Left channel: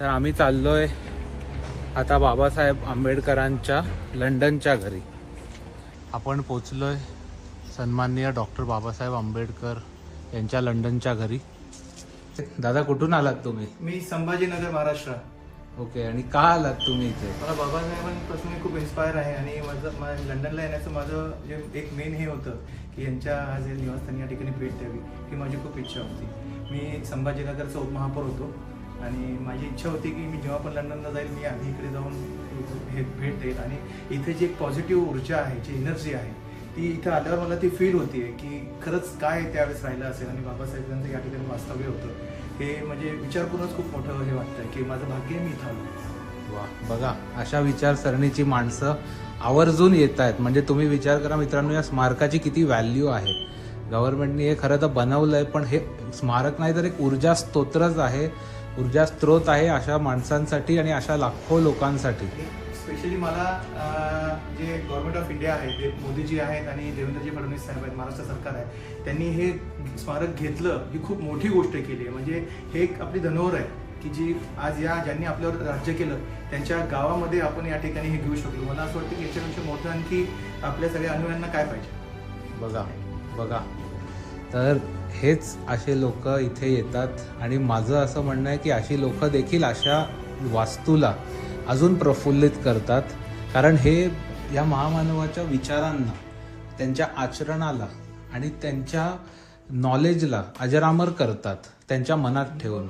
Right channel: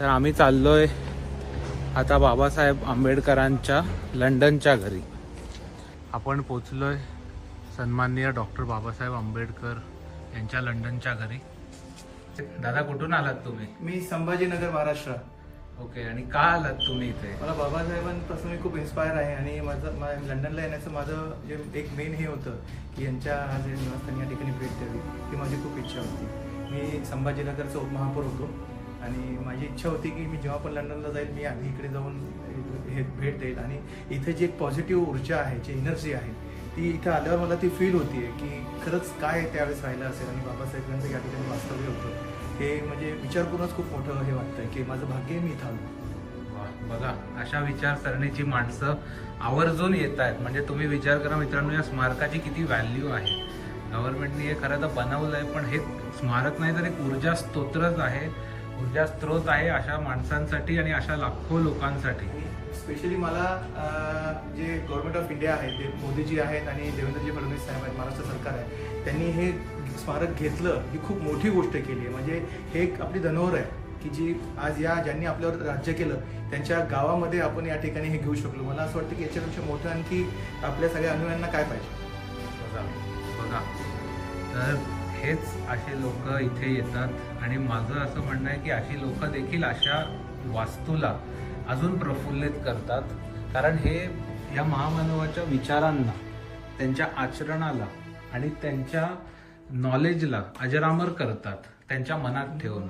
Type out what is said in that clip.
तर आम्ही चाललोय आता बाबासाहेब आंबेडकरांच्या लंडनच्या घरी. आपण पोचलोय सन्माननीय डॉक्टर बाबासाहेब आंबेडकर यांच्या लंडनच्या घरी. दादा कुठून आलात तुम्ही? मी संभाजीनगर महाराष्ट्र. ओके आणि का आलात तुम्ही इथे? मला बाबासाहेबांपासून मी खूप इन्स्पायर आहे आणि माझं लंडनला येण्याचं माझं जे एक मेन हे होतं की यांच्या आज निवासस्थानी या ठिकाणी भेट द्यावी ही माझी खूप इच्छा होती. मी संभाजीनगरचा उपमहापौर होतो. आणि माझी इच्छा होती की मी जेव्हा पण लंडनला जाईल मी आधी इकडे जाऊन हे भेट देईल. आणि इथे जी एक पॉझिटिव्ह ऊर्जा आहे जी एनर्जी आहे ती इथं आल्यावर मला ती फील होती आहे की खरंच काय त्यावेळेस राहिलं असेल. आणि बाबासाहेबांचं या ठिकाणी वास्तव्य होतं. हे म्हणजे विचार करूनच खूप मोठं हे वाटतं की माझं भाग्य मी इथं आलो. वा बघा अशा विचारसरणीची माणसं आवर्जून येत आहेत म्हणजे तुम्ही विचार करा मित्रांनो या स्मारकाची किती व्हॅल्यू आहे. गव्हर्नमेंटने हे खरं तर बनवलं आहे पण हे स्मारक नाही तर एक ऊर्जा स्तोत्रच आहे. ऊर्जा स्त्रोत आहे अशा माणसांसाठी आणि अशा लाखो लोकांसाठी. स्पेशली मला जे गव्हर्नमेंट ऑफ इंडिया आहे ते मोदीजी आहेत आणि देवेंद्रजी फडणवीस साहेब आहेत महाराष्ट्र सरकार आहे त्यांनी हे स्मारक घेतलं ही खूप मोठी गोष्ट केली आहे. म्हणजे हे एक आपली धनोर आहे की जी आज या ज्यांनी आपल्यावर राज्य केलं त्यांच्या गावामध्ये आपण या ठिकाणी हे घेऊ शकलो. मला असं वाटतं की याच्यापेक्षा मोठं आणखी आपल्या सगळ्या अनुयांना काय पाहिजे? बघा बघा. तर हेच असे लोक इथे येतात. आणि माझं असं म्हणणं आहे की अशी लोक देखील अशा वास्तूला अजून प्रफुल्लित करतात. कारण हे या महामानवाच्या विचारांना त्यांच्या आचरणाला आणि त्यांच्या नॉलेजला अजरामर करतात त्यांच्या मनात ठेवून.